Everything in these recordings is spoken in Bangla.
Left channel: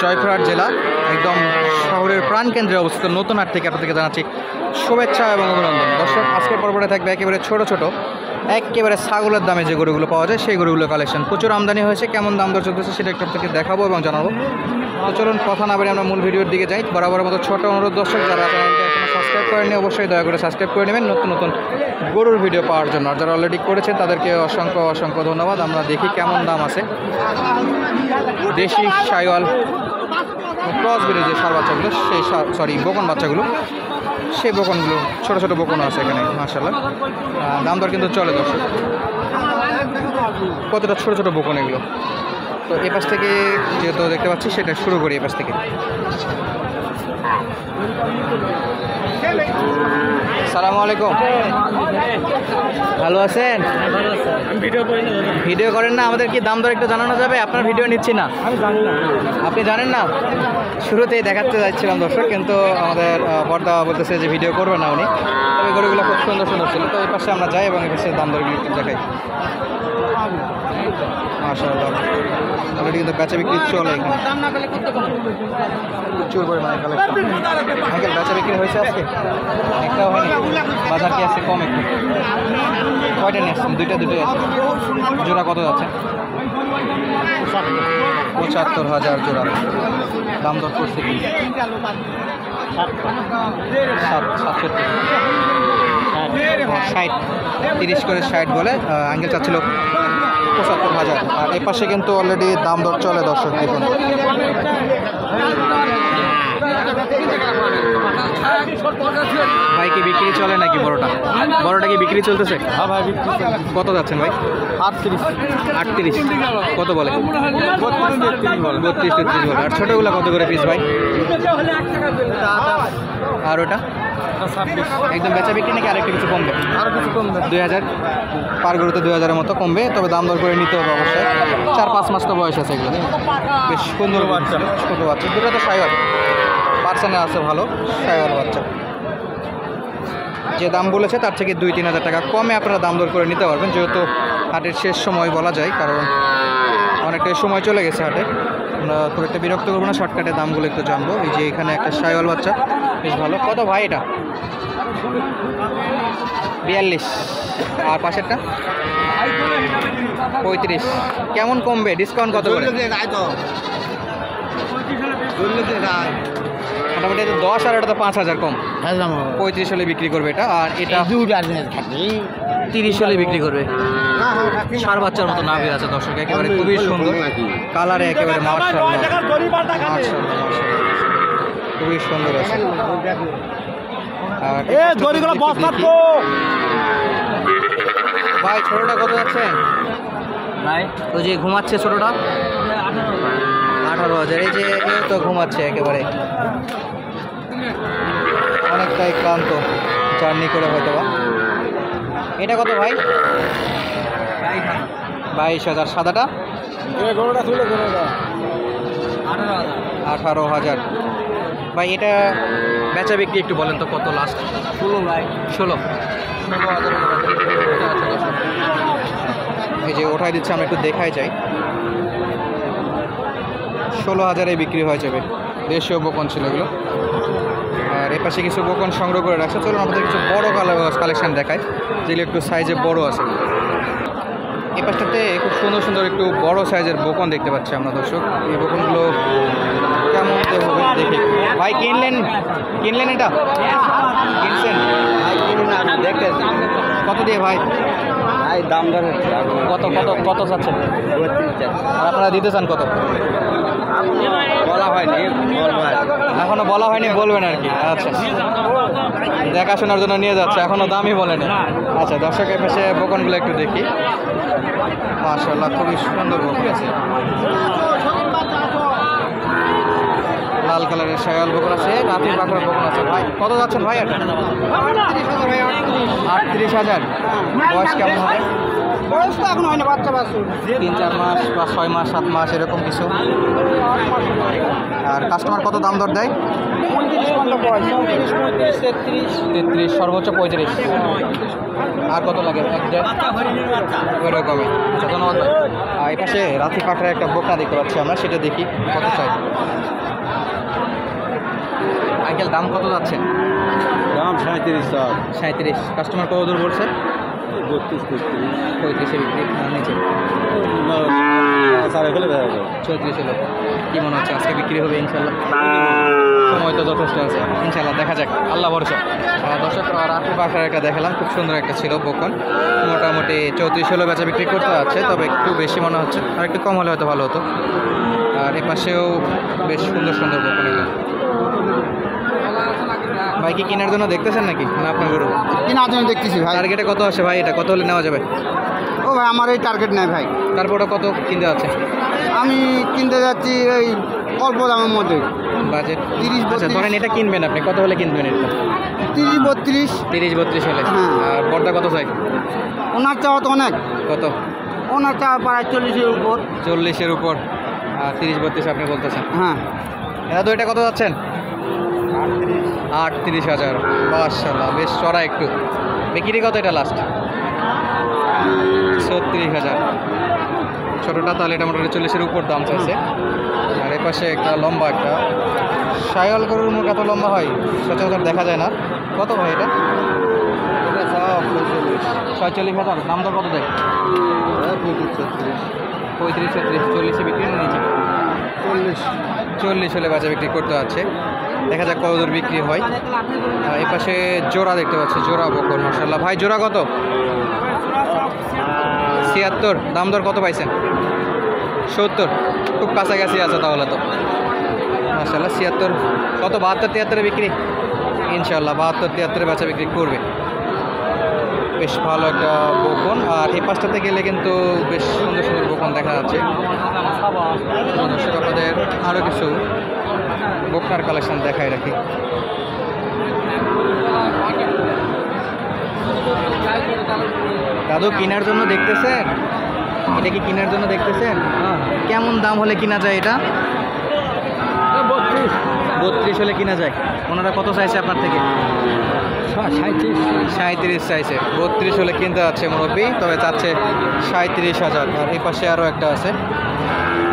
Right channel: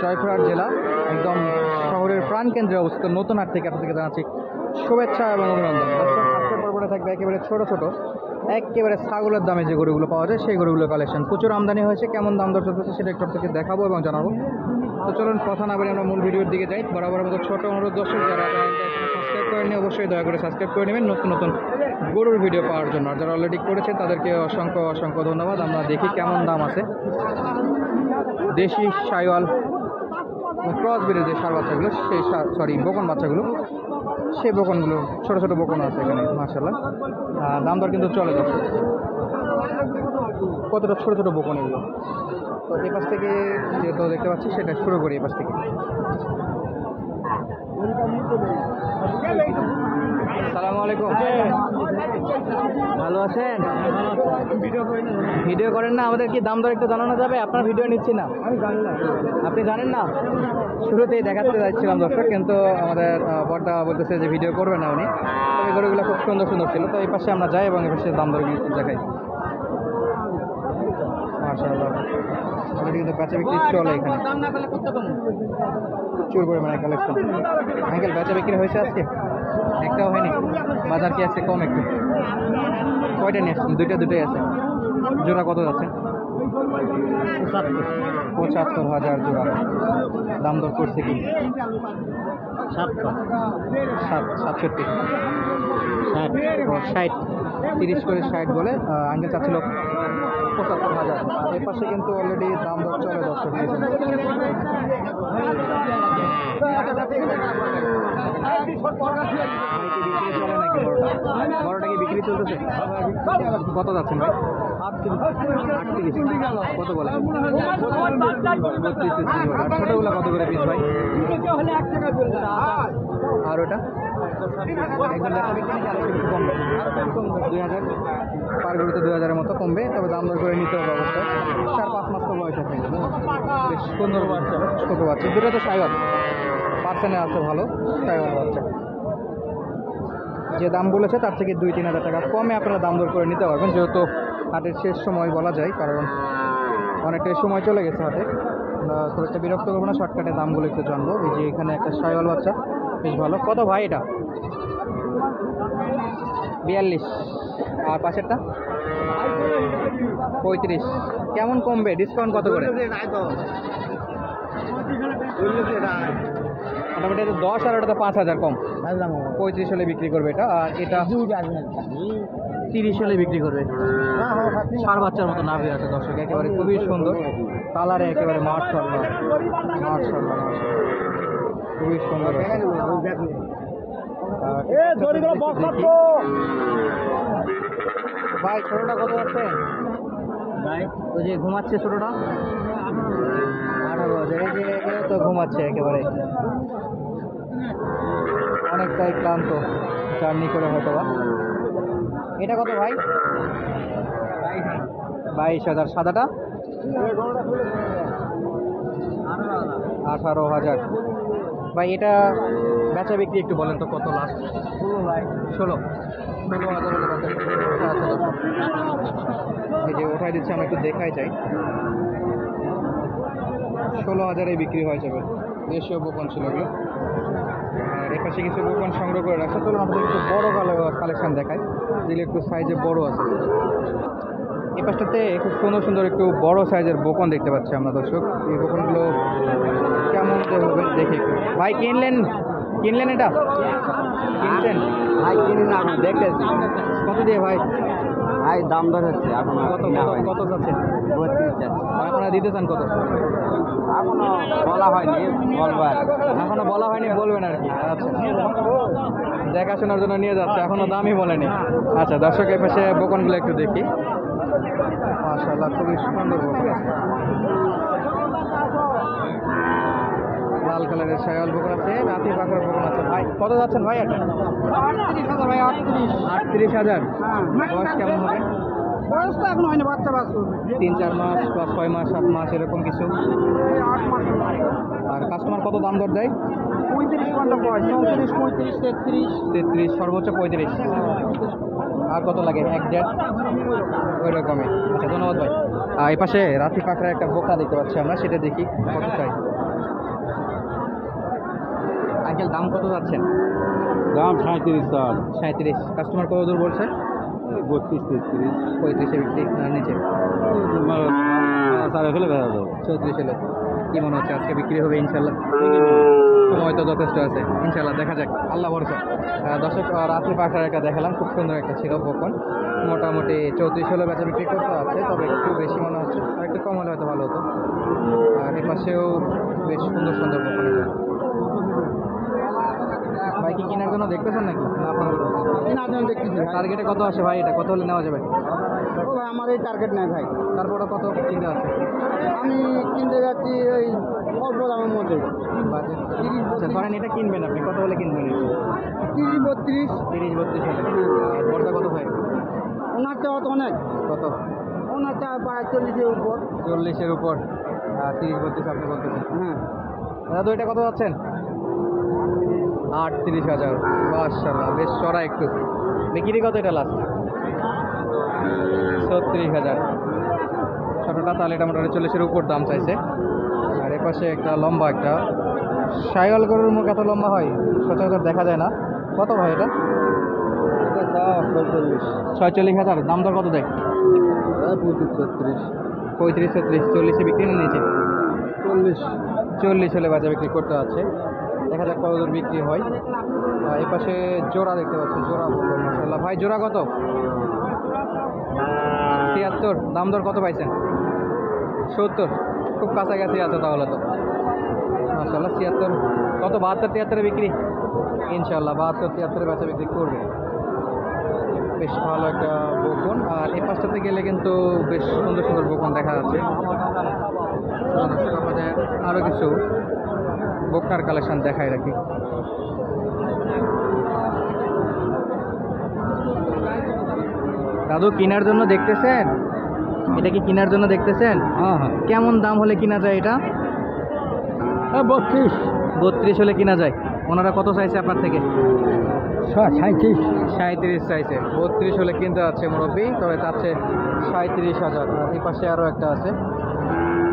জয়পুরহাট জেলা একদম শহরের প্রাণকেন্দ্রে অবস্থিত নতুন হাট থেকে আপনাদেরকে জানাচ্ছি শুভেচ্ছা এবং অভিনন্দন। দর্শক, আজকের পর্বটা থাকবে একেবারে ছোট ছোট একেবারে ছাগলের দামে যে গরুগুলো পাওয়া যায় সেই গরুগুলো কালেকশন। প্রচুর আমদানি হয়েছে, কেমন দাম দর চলতেছে সেটা একটু আপনাকে দেখাবো এবং জানাবো। তো চলুন কথা না বলে আমরা মূল ভিডিওর দিকে যাই। বরাবর মতো ছোট অনুরোধ, দর্শক যারা চ্যানেলটি এখনো সাবস্ক্রাইব করেননি অবশ্যই দয়া করে সাবস্ক্রাইব করে নেবেন নতুন নতুন গরুর ভিডিও পাওয়ার জন্য। আর যারা অলরেডি করেছে তাদেরকে অসংখ্য অসংখ্য ধন্যবাদ। আমরা দেখি কেমন দাম আছে দেশি শাইওয়াল ক্রস ব্রিডের যে ষাঁড় বাচ্চাগুলো, সেই বকন বাচ্চাগুলো, সেই বকনগুলো ছোটো ছোটো বকনও আছে এখানে মাশাআল্লাহ। দাম দর কিন্তু চলে দর্শক। কতটা ছোটো ছোটো বকন এগুলো। তো এ পাশ থেকে যেহেতু দেখতে পাচ্ছি সেটা শুরু করি। এ পাশ থেকে আসসালামু আলাইকুম, ভালো আছেন? ভিডিও করেন না, আমাদের কি দাম দর একটু জানানো যাবে? আপনার ভিডিও নিচ্ছি না, আপনি জানেন না। শুরুতেই দেখাতে যাচ্ছিলাম দর্শক, কিন্তু আমাদের পর্দা বলতেছে যে ভিডিও করবে না উনি। তবে গরুগুলো খুব সুন্দর সুন্দর ছিল। তো এই পাশে আমরা যাই এবং এই পাশে দাম দরগুলো একটু দেখাই। মাশাআল্লাহ, অলরেডি কিন্তু বেচা বিক্রি চলে এখানে, প্রচুর পরিমাণে কালেকশন। আঙ্কেল, বেচা বিক্রি হয়েছে আজকে? একটাও হয়নি? বাজার কি আছে কম একটু? কয়টা নিয়ে আসছেন? দুটোই আছে। জোড়া কত যাচ্ছে? ৭৫,০০০ জোড়া। দাম দর করছে কি? ৬৭, ৬০, ৩০ করে ৬০ বলে। আঙ্কেল চাচ্ছিল ৭৫,০০০। আর এ পাশে কিন্তু অলরেডি দাম দর চলে দর্শক। দেখুন ভাই, কি বিক্রি চলে নাকি? বড়টা কি বিক্রি চলতেছে? কত যাচ্ছেন ভাই? ৩৮। কত বলে? ৩২-৩৩ বলে। আর ছোটোগুলো কত করে পিস ভাই? আর ওটা একদম বেচা বিক্রি নাকি আরেকটু কিছু কমবে? ২০০০ পার গরুতে ২০০০-এর মতো কমবে। তবে দাম দর করে নিতে হবে অবশ্যই। ৪-৫ মাস তো বয়স আছে এগুলো। বেশ সুন্দর বাচ্চা, ছোটো বাচ্চা। দুটো তো শাইওয়াল পার্সেন্টে আছে, ভালো শাইওয়াল বাচ্চা। যে দাম বলেছে তার থেকে ২-৩ হাজার টাকা কমে আপনারা দাম দর করে নিতে পারবেন, যেহেতু হাটের শেষ সময় বলা যায়, কারণ অনেকটাই সময় চলে গেছে হাটে। আমরা খুব একটা বিরক্ত করবো না, শর্টকাটে দামগুলো একটু জানবো। এই যে এখানে একটা শাইওয়াল বাচ্চা বেশ ভালো। কত ভাই এটা? ৪২। আর পাশেরটা ৩৫। কেমন কমবে? ডিসকাউন্ট কত করে? মোটামুটি ১০, আর ওটা তো ৫,০০০ কম। ৩৫ হলে বিক্রি করবে এটা। আর এটা ৩০ হলে বিক্রি করবে। ষাঁড় বাচ্চার মতো নাভি আছে দর্শক, একেবারে খুবই সুন্দর কালারে, একেবারে মাশাআল্লাহ মাশাআল্লাহ মাশাআল্লাহ, খুবই সুন্দর আছে। আর ভাই, ছোটটা কত যাচ্ছে ভাই? ওই যে ঘুমাচ্ছে ছোটটা ১৮,০০০। এই যে তো ঘুমাচ্ছে একেবারে, অনেকটাই ক্লান্ত জার্নি করে হয়তো বা। এটা কত ভাই? ২২,০০০। সাদাটা ১৮,০০০। ভাই, এটা বেচা বিক্রি একটু বলেন তো কত লাস্ট? ১৬,০০০ আচ্ছা দর্শক, এই যে ওঠাই দিচ্ছে, আমরা একটু দেখাই যাই। ১৬,০০০ বিক্রি হয়ে যাবে। দেশীয় বকন ছিল এগুলো। আর এ পাশে কিছু বকন সংগ্রহ করে রাখছে। চলুন আমাদের কিছু বড় কালেকশন দেখায়, যেগুলো একটু সাইজে বড় আছে। এই পাশটাতে খুব সুন্দর সুন্দর একটু বড় সাইজের বকন দেখতে পাচ্ছি আমরা দর্শক। এই বকনগুলো কেমন হবে দেখে। ভাই, কিনলেন এটা? কিনছেন? দেখতে কত দিয়ে ভাই? দাম দর হচ্ছে কত কত কত চাচ্ছেন? আর আপনারা দিতে চান কত? বলা হয়নি, এখনো বলা হয়নি, বলবেন আর কি। আচ্ছা, দেখাশোনার জন্য নিয়ে যাচ্ছে, এখনো দামই বলেনি। আচ্ছা দর্শকের পাশে বকনগুলো একটু দেখি। মাশাআল্লাহ, খুবই সুন্দর বকন আছে। লাল কালারের শাইওয়াল বকন আছে, রাতের পাখর বকন আছে। ভাই, কত যাচ্ছেন ভাই এটা? ৩৮,০০০। বয়স কেমন হবে? বয়স তো এখন হয়নি, বাচ্চা বাচ্চা ৩-৪ মাস বা ৬ মাস ৭ মাস এরকম কিছু। আর কাস্টমার কত দাম দর দেয়? ৩৩, সর্বোচ্চ ৩৫। আর কত লাগে? ১-১.৫ ওই রকমই। আচ্ছা, ধন্যবাদ ভাই। এই পাশে রাতি পাকড়ার একটা বোকা দেখতে পাচ্ছি আমরা, সেটা দেখি কত চাই। আঙ্কেল দাম কত যাচ্ছেন? দাম 37,000। 37। কাস্টমার কত দূর বলছে? 32-33। 35-এ বিক্রি না নিচে? সাড়ে ফেলে দেখা যাবে। 34 এলো। কী মনে হচ্ছে আজকে বিক্রি হবে ইনশাল্লাহ? সময় তো যথেষ্ট আছে, ইনশাল্লাহ দেখা যাক, আল্লাহ ভরসা। দর্শক রাত্রি পাখার একটা দেখালাম, খুব সুন্দর একটা ছিল বকন। মোটামুটি 34 হলো বেচা বিক্রি করতে আছে, তবে একটু বেশি মনে হচ্ছে, আর একটু কম হলে হয়তো ভালো হতো। আর এ পাশেও বেশ সুন্দর সুন্দর বকন এগুলো। ভাই কি কেনার জন্য দেখতেছেন নাকি না আপনার গরু? কেনার জন্য দেখতেছি ভাই। টার্গেটে কত আসে ভাই? এটা কত হলে নেওয়া যাবে? ও ভাই আমার এই টার্গেট নেই ভাই। তারপরে কত কিনতে আছে? আমি কিনতে যাচ্ছি এই অল্প দামের মধ্যে। বাজেট 30, আচ্ছা, ধরেন এটা কিনবেন আপনি, কত হলে কিনবেন এটা? 30-32। 30-32 হলে। হ্যাঁ। আর বড়টা কত চাই? ওনার চাওয়া তো অনেক, কত? ওনার চাওয়া প্রায় 40-এর উপর। 40-এর উপর। আর 30-32 আপনি বলতেছেন। হ্যাঁ। এরা তো এটা কত যাচ্ছেন? 38,000। মাশাআল্লাহ, বেশ চড়া একটু। বিক্রি কত এটা লাস্ট? 36,000। ছোটোটা তাহলে এটা মোটামুটি 40-এর উপর দাম চাইছে। আর এ পাশে একটা লম্বা একটা শাইওয়াল গরুর মুখ এত লম্বা হয় সচরাচর দেখা যায় না। কত ভাই এটা? এটা চাওয়া 46,000। দাম দর কত দেয়? 35-36। 35-36। 40-এ বিক্রি নিয়েছে। 40। হলে বাজার বিক্রি করতে আছে, দেখা যাক কত দূর বিক্রি হয়। এই পাশে জোড়া দেখতে পাচ্ছি, জোড়া বকন মাশাআল্লাহ। ভাই জোড়া কত? 76। দাম দর কত পাইছেন? 70। খুব কাছাকাছি আছে তাহলে তো মাশাআল্লাহ। 76 কত? 72-73-এ বিক্রি ইনশাআল্লাহ। 72-73-এ বাচ্চা বিক্রি করবে। বেশ ভালো একটা বকন। আর এই পাশটাতে গেলে কিন্তু বেশ সুন্দর সুন্দর বকন দেখা যাচ্ছে। দর্শক আপনাদের আরও কিছু বকনার কালেকশন দেখাই রাখি। দাদু কেনার জন্য দেখতেছেন? এটা কি কেনার জন্য দেখতেছেন? হ্যাঁ কেমন দাম হলে কিনা যায় এটা? 32। 32 হলে কিনা যায়। ওনারা কত চাইছে আপনার থেকে? 37। চাইছে। 32 হলে কিনতে যাচ্ছে মুরব্বী, তবে চাচ্ছে 37,000। আর এই পাশে আরও একটা আছে।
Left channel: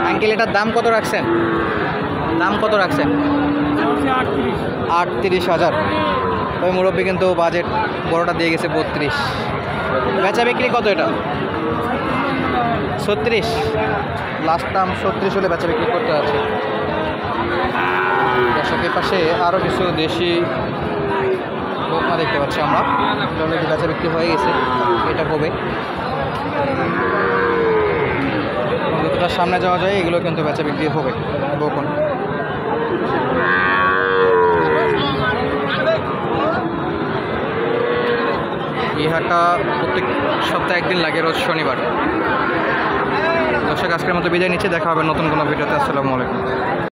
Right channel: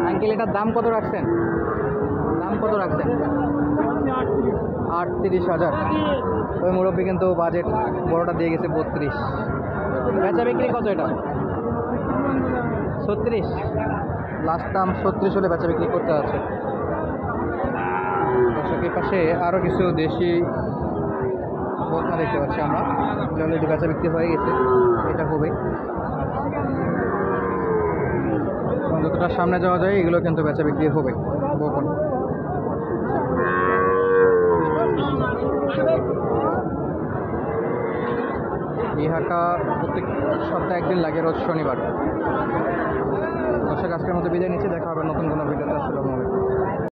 আঙ্কেল এটার দাম কত রাখছেন? দাম কত রাখছেন? 38,000। তবে মুরব্বী কিন্তু বাজেট বড়টা দিয়ে গেছে 32। বেচা বিক্রি কত এটা? 36। লাস্ট দাম 36 হলে বেচা বিক্রি করতে আছে। দর্শকের পাশে আরও কিছু দেশি বকনা দেখতে পাচ্ছি আমরা, অলরেডি বেচা বিক্রি হয়ে গেছে, এটা হবে। এবং যতটা সামনে যাওয়া যায় এগুলো কিন্তু বেচা বিক্রি হবে বকন। এই হাটটা প্রত্যেক সপ্তাহে একদিন লাগে, রোজ শনিবার। দর্শক আজকের মতো বিদায় নিচ্ছে, দেখা হবে নতুন কোনো ভিডিওতে। আসসালামু আলাইকুম।